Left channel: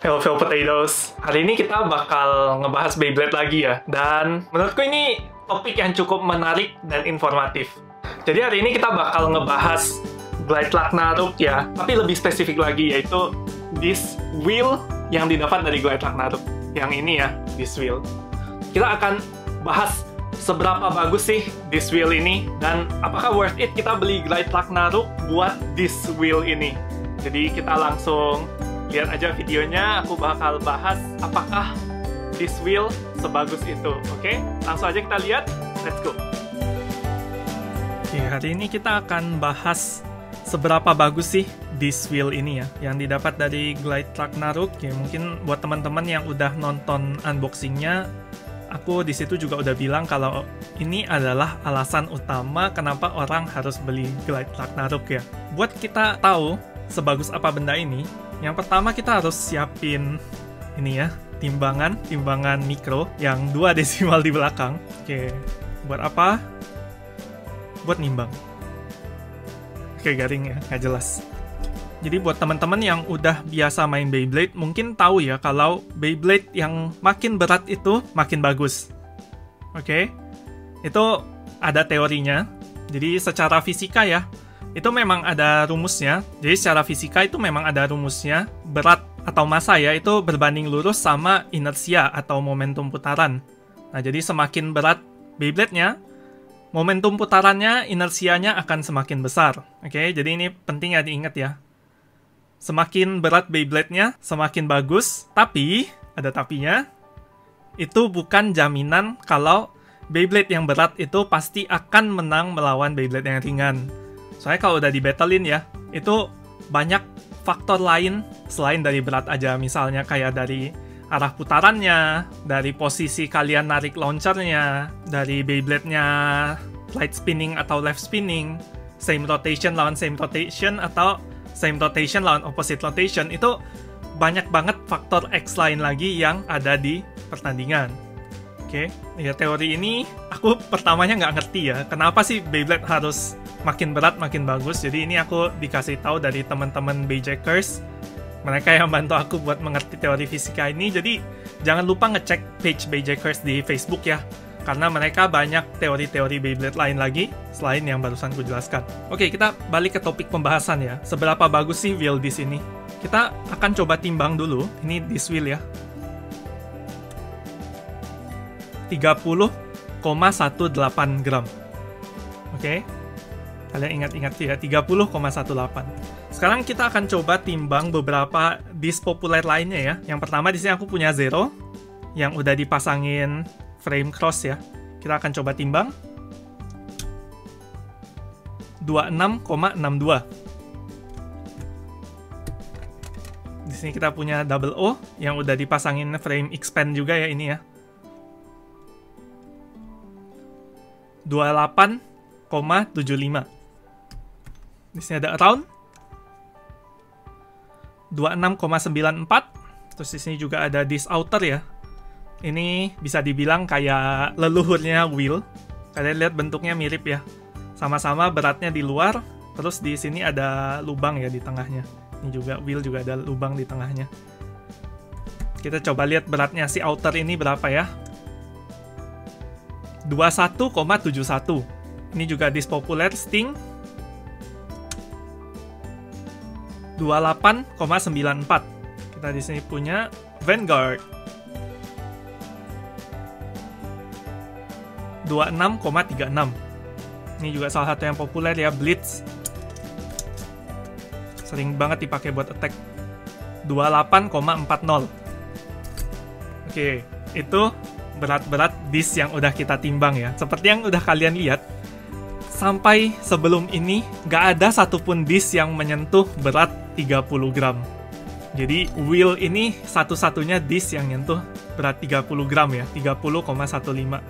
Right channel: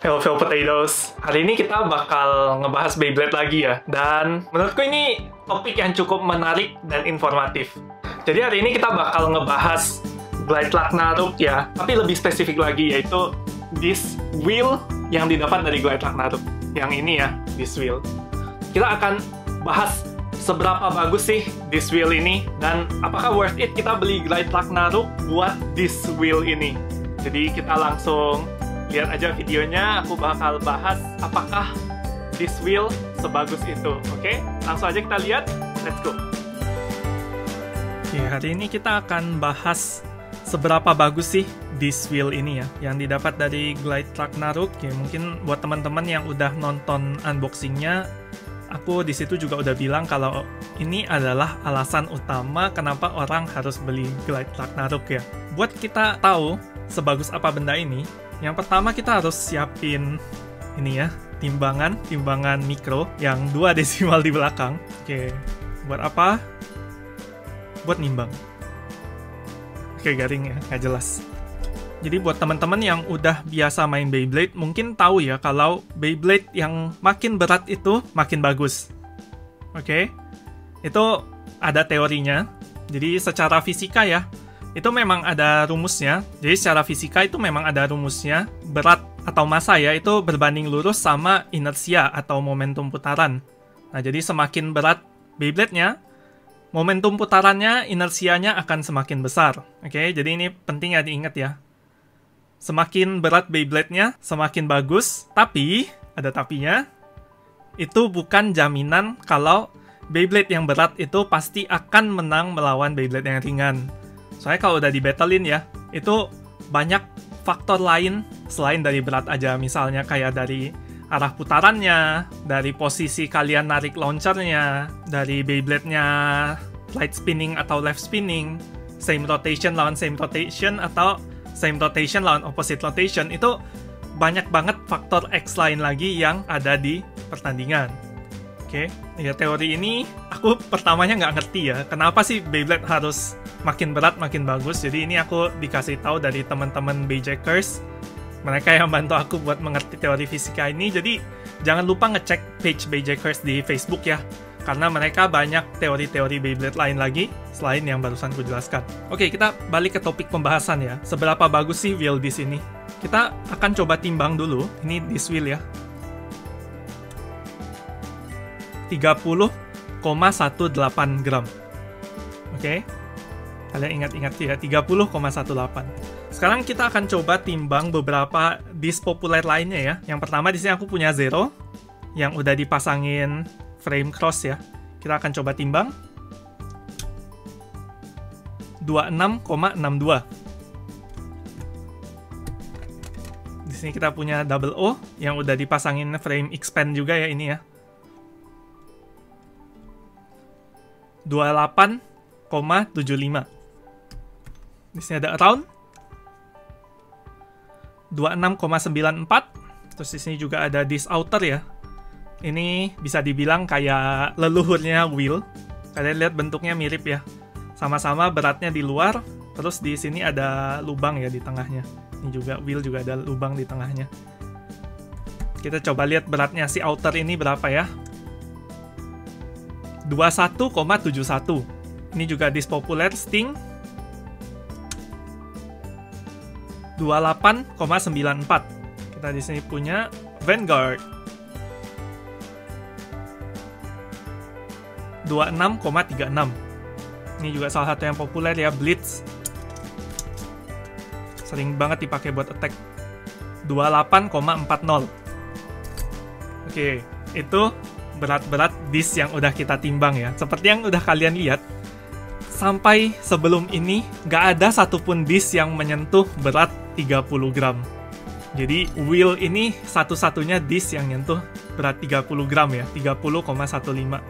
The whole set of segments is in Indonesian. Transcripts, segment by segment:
Hello Potatoes, hari ini kita bakal ngebahas Beyblade lagi ya. Dan menurutku ini topik yang cukup menarik dan informatif. Jadi hari ini kita bakal ngebahas Glide Ragnarok ya, tapi lebih spesifik lagi yaitu this wheel yang didapat dari Glide Ragnarok. Yang ini ya, this wheel. Kita akan bahas seberapa bagus sih this wheel ini, dan apakah worth it kita beli Glide Ragnarok buat this wheel ini. Jadi kita langsung lihat aja videonya, aku bakal bahas apakah this wheel sebagus itu. Oke, langsung aja kita lihat, let's go. Oke, hari ini kita akan bahas seberapa bagus sih this wheel ini ya, yang didapat dari Glide Ragnarok. Ya, mungkin buat teman-teman yang udah nonton unboxingnya, aku di situ juga udah bilang kalau ini adalah alasan utama kenapa orang harus beli Glide Ragnarok ya. Buat kita tahu sebagus apa benda ini, yang pertama kita harus siapin ini ya, timbangan mikro yang 2 desimal di belakang. Oke, buat apa? Buat nimbang. Oke, garing ya, nggak jelas. Jadi buat teman-teman yang udah biasa main Beyblade, mungkin tahu ya kalau Beyblade yang makin berat itu makin bagus. Oke, itu ada teorinya. Jadi secara fisika ya, itu memang ada rumusnya. Jadi secara fisika itu memang ada rumusnya. Berat atau massa ya, itu berbanding lurus sama inersia atau momentum putaran. Nah, jadi semakin berat Beyblade-nya, momentum putarannya, inersianya akan semakin besar. Oke, jadi ini penting ya diingat ya. Semakin berat Beyblade-nya, semakin bagus. Tapi, ada tapinya, itu bukan jaminan kalau Beyblade yang berat itu pasti akan menang melawan Beyblade yang ringan. Soalnya kalau udah di-battlein ya, itu banyak faktor lain selain dari berat aja. Misalnya kayak dari arah putarannya, dari posisi kalian narik launchernya, dari Beyblade-nya right spinning atau left spinning, same rotation lawan same rotation, atau same rotation lawan opposite rotation. Itu banyak banget faktor X lain lagi yang ada di pertandingan. Oke, ya teori ini aku pertamanya nggak ngerti ya, kenapa sih Beyblade harus makin berat makin bagus. Jadi ini aku dikasih tahu dari teman-teman Beyjackers, mereka yang bantu aku buat mengerti teori fisika ini. Jadi jangan lupa ngecek page Beyjackers di Facebook ya, karena mereka banyak teori-teori Beyblade lain lagi selain yang barusan ku jelaskan. Oke, kita balik ke topik pembahasan ya. Seberapa bagus sih wheel disc ini? Kita akan coba timbang dulu. Ini disc wheel ya, 30,18 gram. Oke, kalian ingat-ingat ya, 30,18. Sekarang kita akan coba timbang beberapa disc populer lainnya ya. Yang pertama di sini aku punya Zero yang udah dipasangin frame cross ya. Kita akan coba timbang 26,62. Di sini kita punya Double O yang udah dipasangin frame expand juga ya, ini ya. 28,75. Di sini ada Around 26,94. Terus di sini juga ada Disc Outer ya. Ini bisa dibilang kayak leluhurnya wheel. Kalian lihat bentuknya mirip ya. Sama-sama beratnya di luar. Terus di sini ada lubang ya di tengahnya. Ini juga wheel juga ada lubang di tengahnya. Kita coba lihat beratnya si outer ini berapa ya. 21,71. Ini juga disc populer Sting 28,94. Kita di sini punya Vanguard 26,36. Ini juga salah satu yang populer ya, Blitz. Sering banget dipakai buat attack. 28,40. Oke, itu berat-berat disc yang udah kita timbang ya. Seperti yang udah kalian lihat, sampai sebelum ini nggak ada satupun disc yang menyentuh berat 30 gram. Jadi wheel ini satu-satunya disc yang nyentuh berat 30 gram ya, 30,18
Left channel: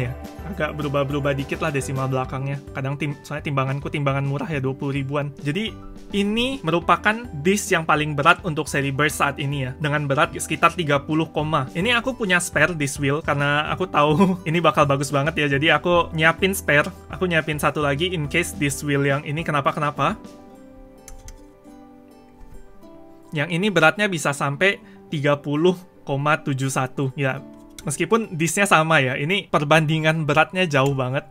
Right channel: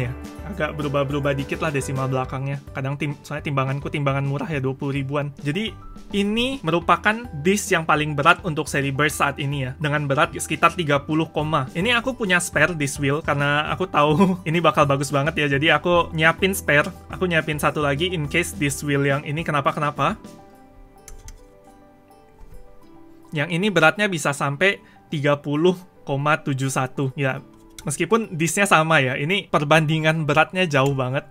ya. Agak berubah-berubah dikit lah desimal belakangnya. Kadang soalnya timbanganku timbangan murah ya, 20 ribuan. Jadi ini merupakan disc yang paling berat untuk seri Burst saat ini ya, dengan berat sekitar 30, ini aku punya spare disc wheel karena aku tahu ini bakal bagus banget ya. Jadi aku nyiapin spare, aku nyiapin satu lagi in case disc wheel yang ini kenapa-kenapa. Yang ini beratnya bisa sampai 30,71. Ya, meskipun disknya sama ya, ini perbandingan beratnya jauh banget.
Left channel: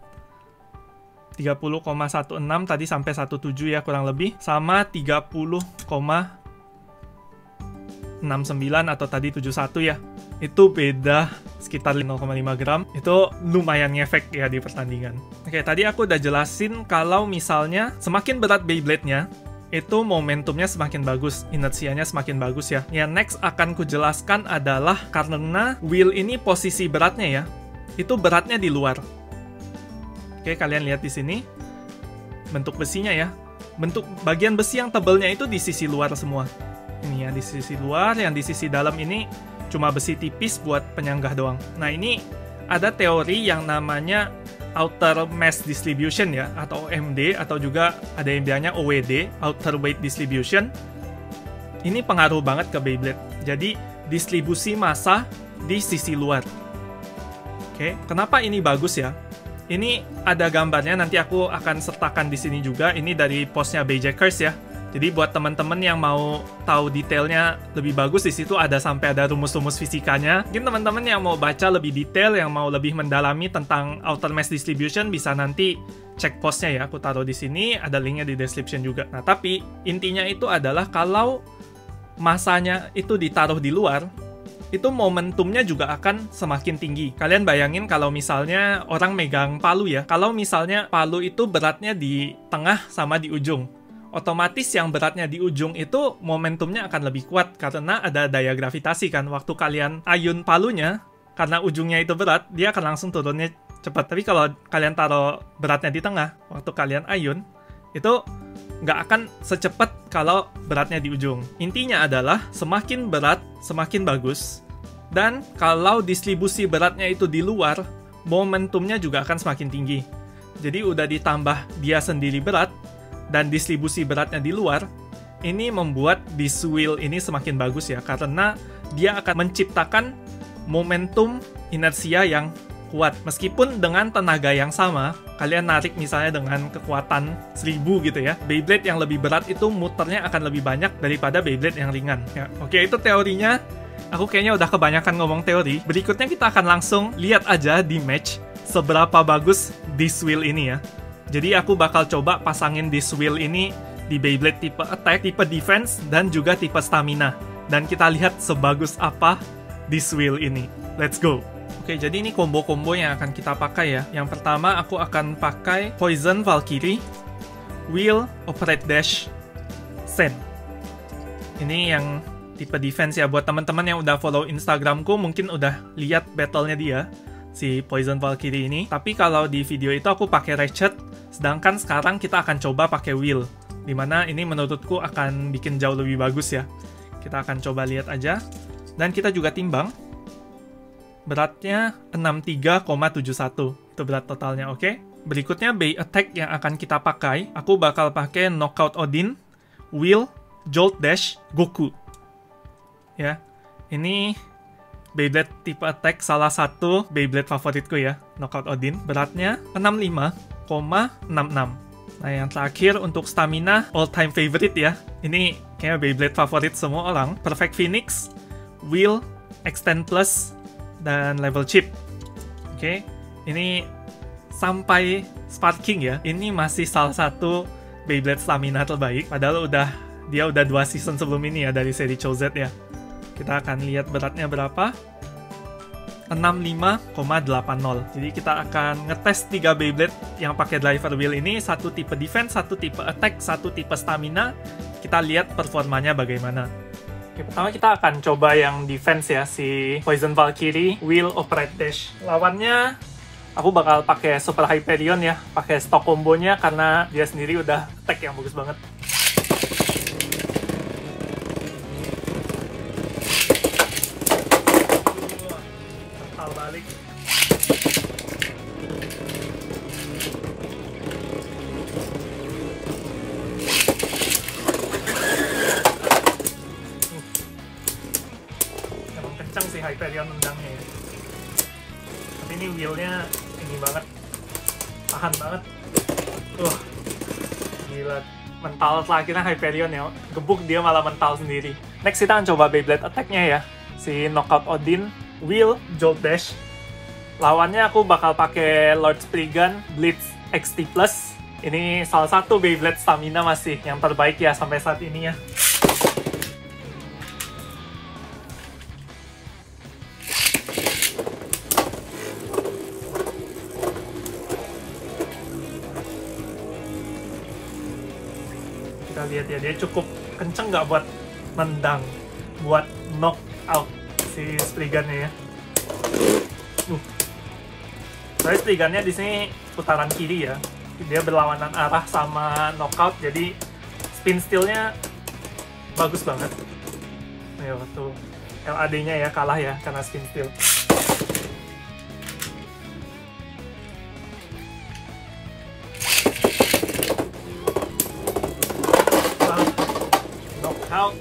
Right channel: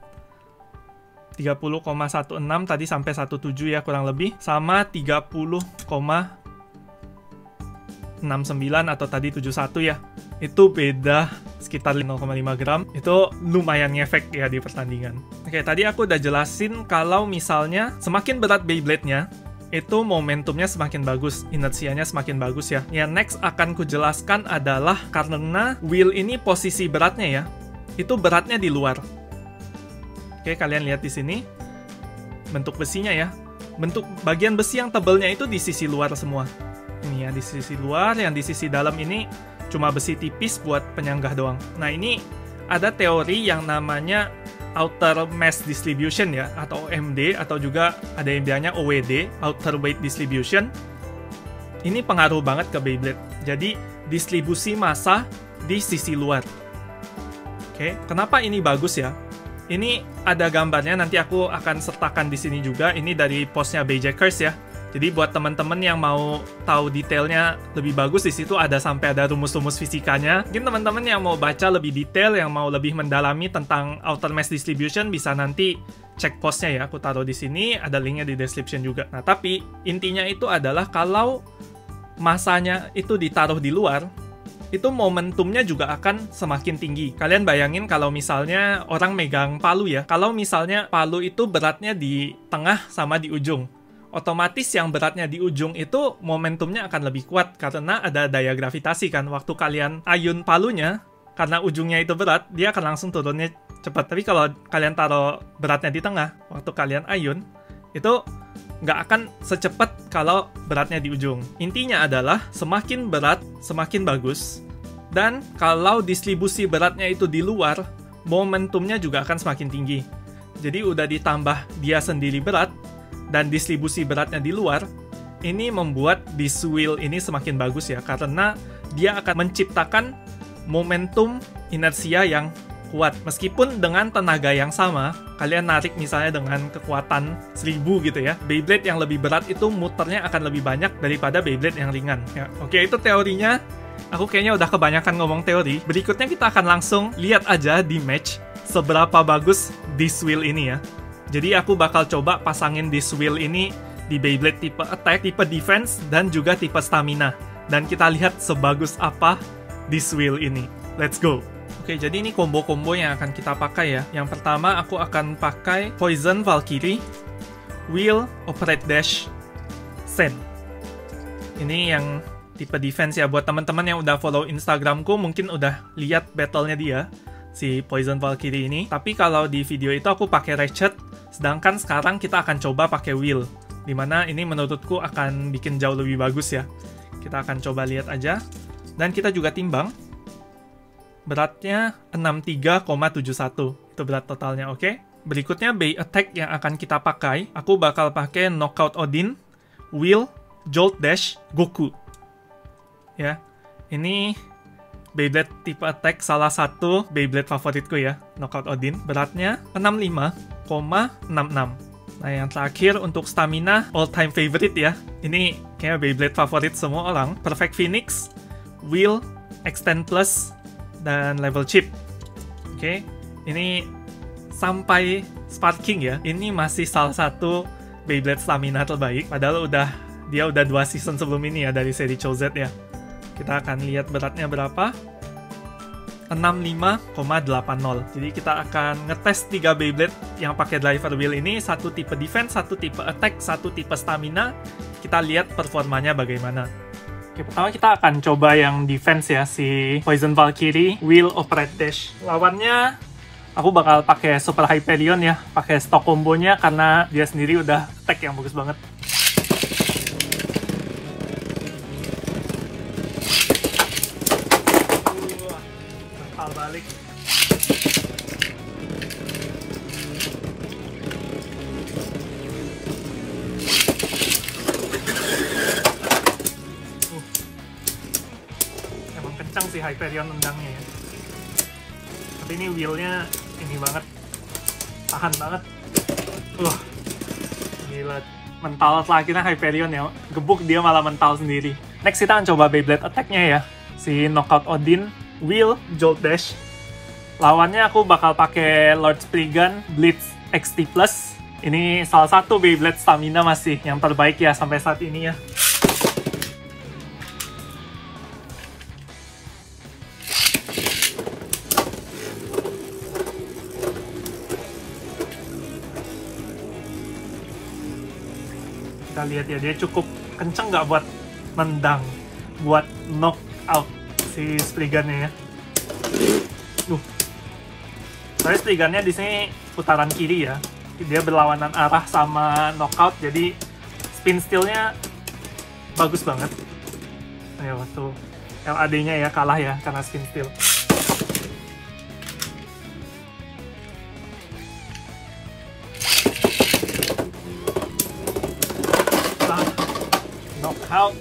30,16 tadi sampai 17 ya kurang lebih, sama 30,69 atau tadi 71 ya. Itu beda sekitar 0,5 gram. Itu lumayan ngefek ya di pertandingan. Oke, tadi aku udah jelasin kalau misalnya semakin berat Beyblade-nya, itu momentumnya semakin bagus, inersianya semakin bagus ya. Yang next akan kujelaskan adalah karena wheel ini posisi beratnya ya, itu beratnya di luar. Oke, kalian lihat di sini bentuk besinya ya. Bentuk bagian besi yang tebalnya itu di sisi luar semua. Ini ya di sisi luar, yang di sisi dalam ini cuma besi tipis buat penyanggah doang. Nah, ini ada teori yang namanya outer mass distribution ya, atau OMD, atau juga ada yang bilangnya OWD, outer weight distribution. Ini pengaruh banget ke Beyblade. Jadi distribusi massa di sisi luar. Oke, kenapa ini bagus ya? Ini ada gambarnya, nanti aku akan sertakan di sini juga. Ini dari postnya Bayjackers ya. Jadi buat teman-teman yang mau tahu detailnya lebih bagus, di situ ada sampai ada rumus-rumus fisikanya. Mungkin teman-teman yang mau baca lebih detail, yang mau lebih mendalami tentang outer mass distribution, bisa nanti cek postnya ya. Aku taruh di sini, ada linknya di description juga. Nah, tapi intinya itu adalah kalau masanya itu ditaruh di luar, itu momentumnya juga akan semakin tinggi. Kalian bayangin kalau misalnya orang megang palu ya, kalau misalnya palu itu beratnya di tengah sama di ujung, otomatis yang beratnya di ujung itu momentumnya akan lebih kuat karena ada daya gravitasi kan. Waktu kalian ayun palunya, karena ujungnya itu berat, dia akan langsung turunnya cepat. Tapi kalau kalian taruh beratnya di tengah, waktu kalian ayun, itu nggak akan secepat kalau beratnya di ujung. Intinya adalah semakin berat, semakin bagus. Dan kalau distribusi beratnya itu di luar, momentumnya juga akan semakin tinggi. Jadi udah ditambah dia sendiri berat, dan distribusi beratnya di luar, ini membuat disc wheel ini semakin bagus ya, karena dia akan menciptakan momentum inersia yang kuat. Meskipun dengan tenaga yang sama, kalian narik misalnya dengan kekuatan 1000 gitu ya, Beyblade yang lebih berat itu muternya akan lebih banyak daripada Beyblade yang ringan. Ya, oke, itu teorinya. Aku kayaknya udah kebanyakan ngomong teori. Berikutnya kita akan langsung lihat aja di match seberapa bagus disc wheel ini ya. Jadi aku bakal coba pasangin disc wheel ini di Beyblade tipe attack, tipe defense, dan juga tipe stamina. Dan kita lihat sebagus apa disc wheel ini. Let's go! Oke, jadi ini combo-combo yang akan kita pakai ya. Yang pertama aku akan pakai Poison Valkyrie, Wheel, Operate Dash, Sen. Ini yang tipe defense ya. Buat teman-teman yang udah follow Instagramku mungkin udah lihat battle-nya dia, si Poison Valkyrie ini. Tapi kalau di video itu aku pakai Ratchet, sedangkan sekarang kita akan coba pakai Wheel, dimana ini menurutku akan bikin jauh lebih bagus ya. Kita akan coba lihat aja. Dan kita juga timbang. Beratnya 63,71. Itu berat totalnya, oke? Berikutnya Bay Attack yang akan kita pakai. Aku bakal pakai Knockout Odin, Wheel, Jolt Dash, Goku. Ya, ini Beyblade tipe attack salah satu Beyblade favoritku ya, Knockout Odin. Beratnya 65,66. Nah, yang terakhir untuk stamina, all time favorite ya. Ini kayaknya Beyblade favorit semua orang. Perfect Phoenix, Wheel, Extend Plus, dan Level Chip. Oke, ini sampai Sparking ya. Ini masih salah satu Beyblade stamina terbaik. Padahal dia udah 2 season sebelum ini ya dari seri Chouzette ya. Kita akan lihat beratnya berapa. 65,80. Jadi kita akan ngetes 3 Beyblade yang pakai driver wheel ini. Satu tipe defense, satu tipe attack, satu tipe stamina. Kita lihat performanya bagaimana. Oke, pertama kita akan coba yang defense ya, si Poison Valkyrie, Wheel, Operate Dash. Lawannya aku bakal pakai Super Hyperion ya, pakai stock combonya karena dia sendiri udah tag yang bagus banget. Kencang sih Hyperion undangnya. Ini wheelnya ini banget, tahan banget. Gila, mental terakhirnya Hyperion ya, gebuk dia malah mental sendiri. Next kita akan coba Beyblade attack-nya ya, si Knockout Odin, Wheel, Jolt Dash. Lawannya aku bakal pakai Lord Spriggan, Blitz XT+. Ini salah satu Beyblade stamina masih yang terbaik ya sampai saat ini ya. Kita lihat ya, dia cukup kenceng nggak buat nendang, buat knock out si Spriggan-nya ya. Soalnya Spriggan-nya di sini putaran kiri ya. Dia berlawanan arah sama knockout, jadi spin steal-nya bagus banget. Ya, tuh LAD-nya ya kalah ya karena spin steal. Knockout.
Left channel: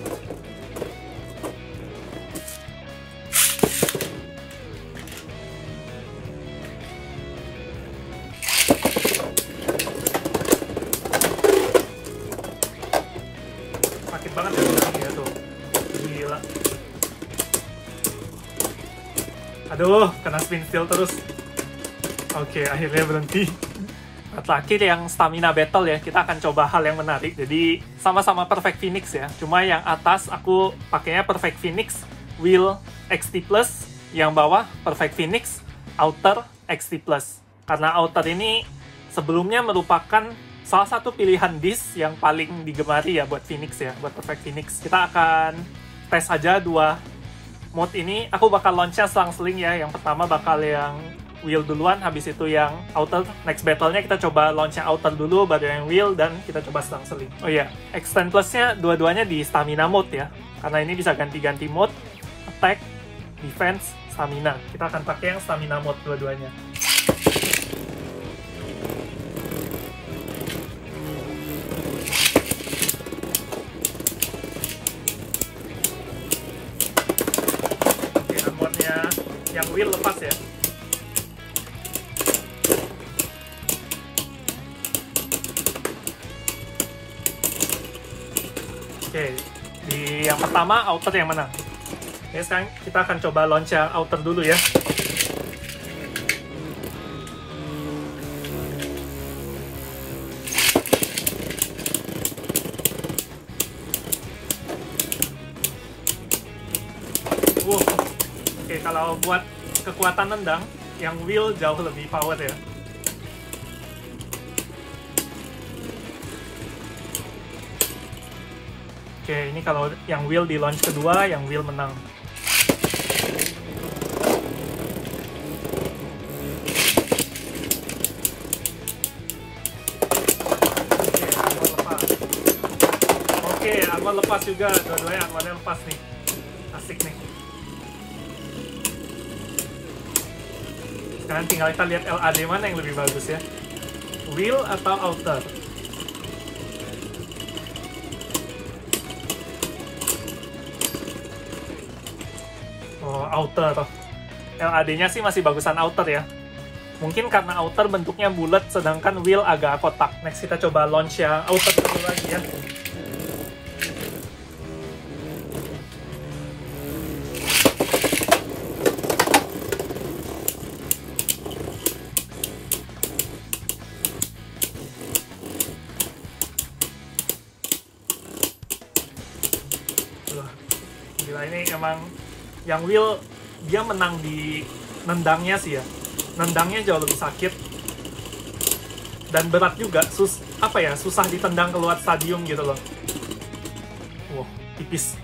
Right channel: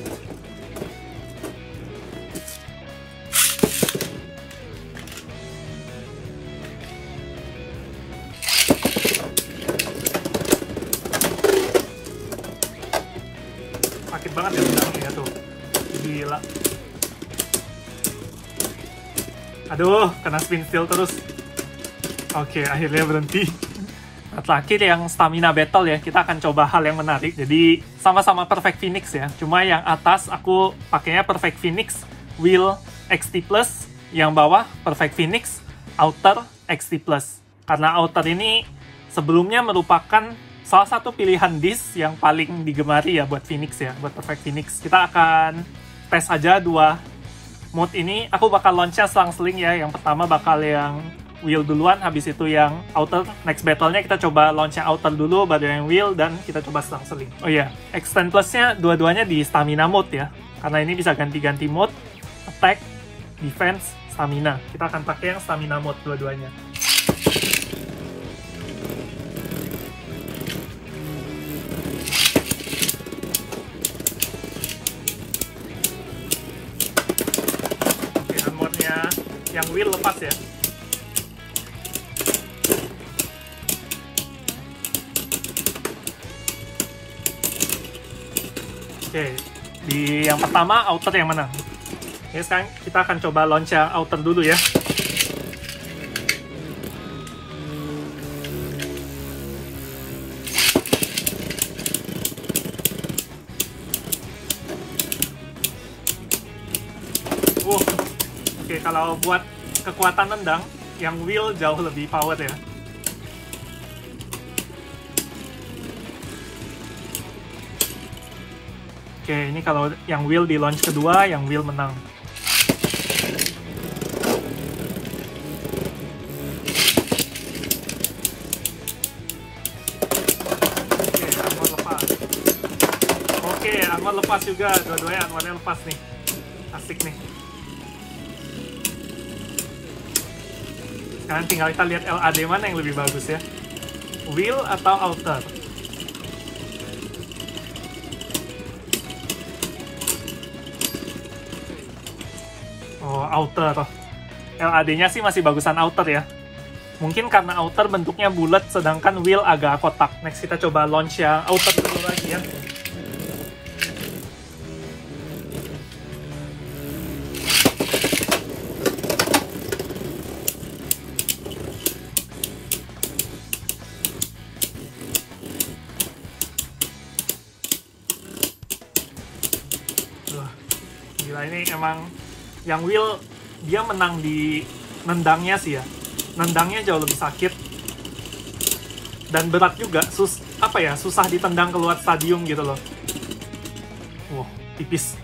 Aduh, kena spin steal terus. Oke, akhirnya berhenti. Terakhir yang stamina battle ya, kita akan coba hal yang menarik. Jadi sama-sama Perfect Phoenix ya. Cuma yang atas aku pakainya Perfect Phoenix Wheel XT+, yang bawah Perfect Phoenix Outer XT+. Karena Outer ini sebelumnya merupakan salah satu pilihan disc yang paling digemari ya buat Phoenix ya, buat Perfect Phoenix. Kita akan tes saja dua mode ini. Aku bakal launch-nya selang-seling ya. Yang pertama bakal yang Wheel duluan, habis itu yang Outer. Next battle-nya kita coba launch-nya Outer dulu, baru yang Wheel, dan kita coba selang-seling. Oh iya, Extend Plus-nya dua-duanya di Stamina mode ya, karena ini bisa ganti-ganti mode, Attack, Defense, Stamina. Kita akan pakai yang Stamina mode dua-duanya. Wheel lepas ya. Oke, di yang pertama Outer yang menang. Jadi sekarang kita akan coba launch yang Outer dulu ya. Oke, kalau buat kekuatan nendang, yang Wheel jauh lebih power ya. Oke, ini kalau yang Wheel di launch kedua, yang Wheel menang. Oke, armor lepas juga, dua-duanya armornya lepas nih. Asik nih. Sekarang tinggal kita lihat LAD mana yang lebih bagus ya, Wheel atau Outer. Oh, Outer. LAD-nya sih masih bagusan Outer ya. Mungkin karena Outer bentuknya bulat, sedangkan Wheel agak kotak. Next kita coba launch ya Outer lagi ya. Emang yang Wheel dia menang di nendangnya sih ya. Nendangnya jauh lebih sakit dan berat juga, susah ditendang keluar stadium gitu loh. Wow, tipis.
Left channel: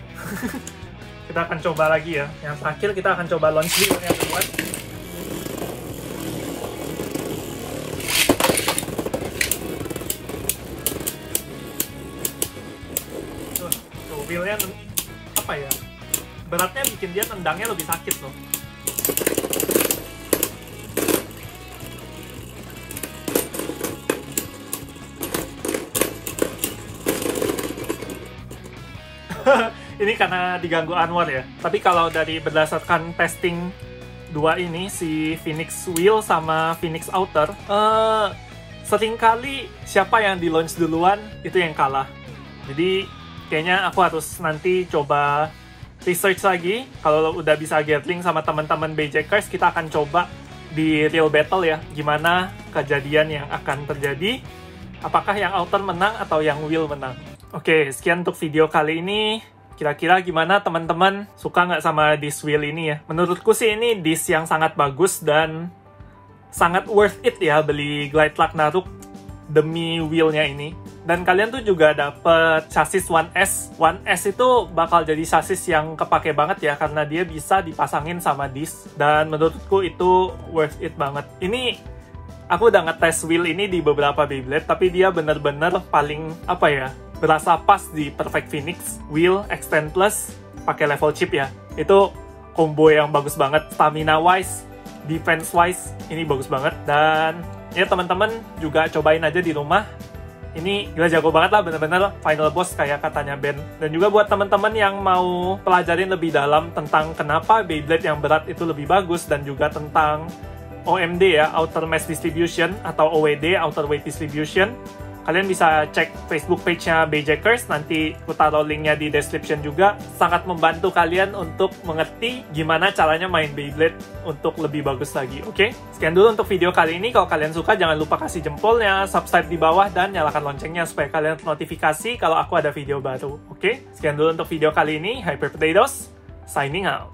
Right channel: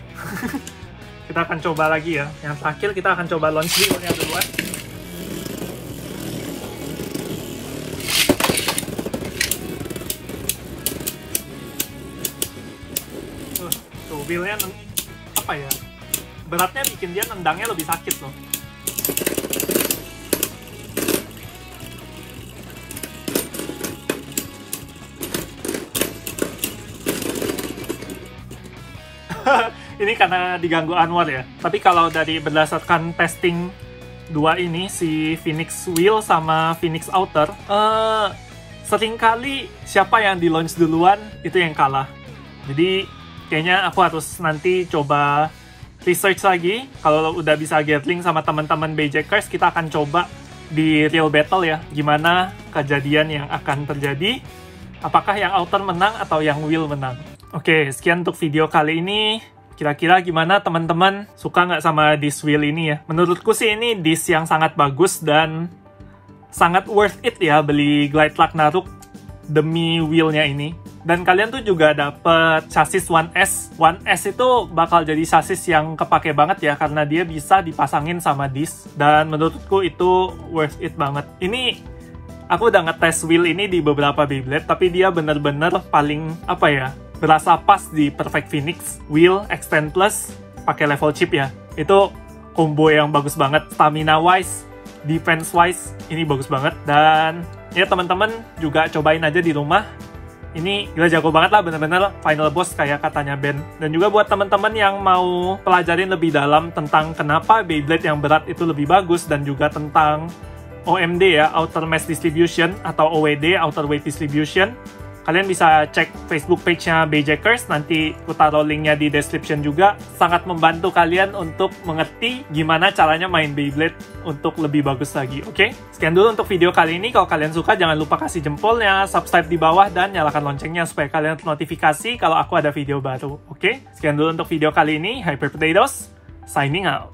Kita akan coba lagi ya. Yang terakhir kita akan coba launch Wheel yang kedua. Wheel-nya beratnya bikin dia nendangnya lebih sakit loh. Ini karena diganggu Anwar ya. Tapi kalau dari berdasarkan testing dua ini, si Phoenix Wheel sama Phoenix Outer, seringkali siapa yang di launch duluan itu yang kalah. Jadi Kayaknya aku harus nanti coba research lagi. Kalau udah bisa Gatling sama teman-teman BJKers, kita akan coba di real battle ya, gimana kejadian yang akan terjadi, apakah yang outer menang atau yang will menang. Oke, sekian untuk video kali ini. Kira-kira gimana teman-teman, suka nggak sama disk wheel ini ya? Menurutku sih ini disk yang sangat bagus dan sangat worth it ya beli Glide Luck Naruk demi wheelnya ini. Dan kalian tuh juga dapet chassis 1S. 1S itu bakal jadi chassis yang kepake banget ya, karena dia bisa dipasangin sama disc. Dan menurutku itu worth it banget. Ini, aku udah ngetes wheel ini di beberapa Beyblade, tapi dia bener-bener paling, apa ya, berasa pas di Perfect Phoenix. Wheel, Extend Plus, pakai level chip ya. Itu combo yang bagus banget. Stamina-wise, defense-wise, ini bagus banget. Dan ya teman-teman juga cobain aja di rumah. Ini gila jago banget lah, bener-bener final boss kayak katanya Ben. Dan juga buat teman-teman yang mau pelajarin lebih dalam tentang kenapa Beyblade yang berat itu lebih bagus, dan juga tentang OMD ya, Outer Mass Distribution, atau OWD, Outer Weight Distribution, kalian bisa cek Facebook page-nya BJKers, nanti aku taruh linknya di description juga. Sangat membantu kalian untuk mengerti gimana caranya main Beyblade untuk lebih bagus lagi, oke? Sekian dulu untuk video kali ini. Kalau kalian suka, jangan lupa kasih jempolnya, subscribe di bawah, dan nyalakan loncengnya supaya kalian ternotifikasi kalau aku ada video baru, oke? Sekian dulu untuk video kali ini. Hyper Potatoes, signing out.